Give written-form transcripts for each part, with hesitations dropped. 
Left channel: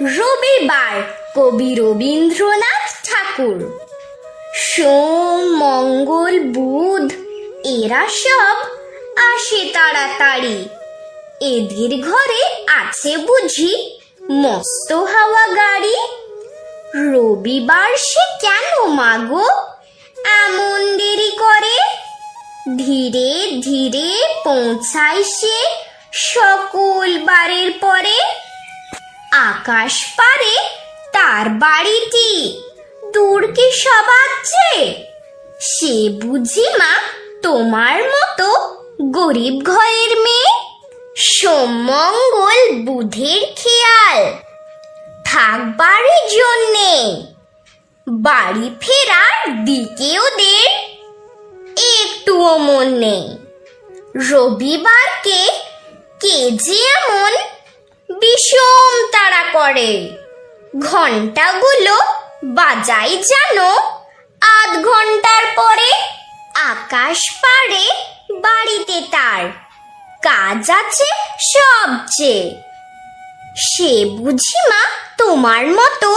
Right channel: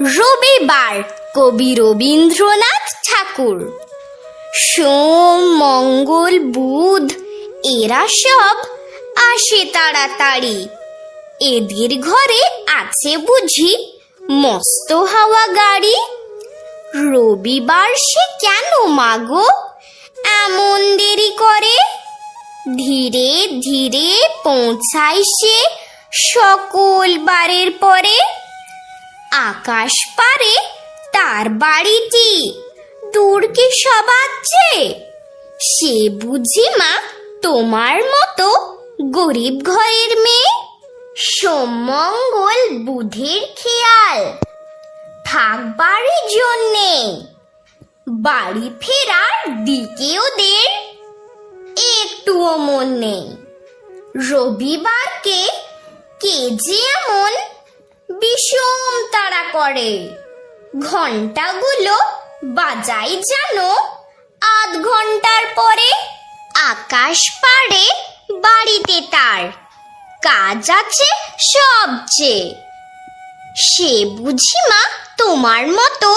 রবিবার কবি রবীন্দ্রনাথ ঠাকুর। সোম, মঙ্গল, বুধ এরা সব আসে তাড়াতাড়ি। এদের ঘরে আছে বুঝি মস্ত হাওয়া গাড়ি। রবিবার সে কেন মাগো এমন দেরি করে? ধীরে ধীরে পৌঁছায় সে সকল বারের পরে। আকাশ পারে তার বাড়িটি, তোর কি সবাচ্ছে? সে বুঝি মা তোমার মতো গরিব ঘরের মেয়ে। সোম মঙ্গল বুধের খেয়াল থাকবার জন্যে, বাড়ি ফেরার দিকে ওদের একটুও মন নেই। রবিবারকে কে যে এমন বিষম তাড়া করে, ঘন্টাগুলো বাজাই জানো আধ ঘন্টার পরে। আকাশ পাড়ে বাড়িতে তার কাজ আছে সবচেয়ে। সে বুঝি মা তোমার মতো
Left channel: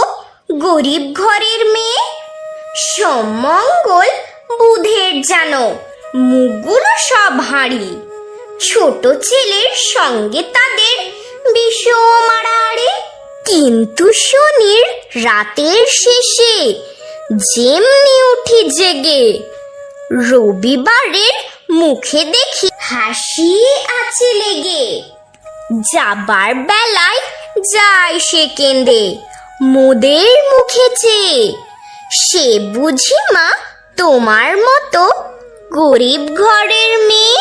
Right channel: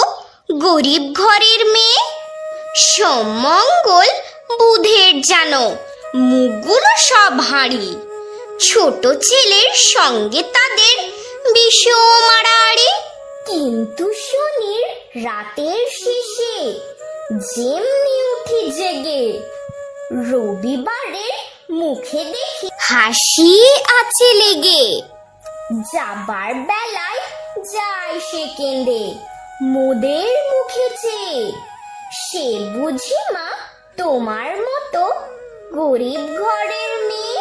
গরিব ঘরের মেয়ে। সোম মঙ্গল বুধের জানো মুখগুলো সব হাঁড়ি। ছোট ছেলের সঙ্গে তাদের বিষম আড়াআড়ি। কিন্তু শনির রাতের শেষে যেমনি উঠি জেগে, রবিবারের মুখে দেখি হাসি আছে লেগে। যাবার বেলায় যায় সে কেঁদে মোদের মুখে চেয়ে। সে বুঝি মা তোমার মতো গরিব ঘরের মেয়ে।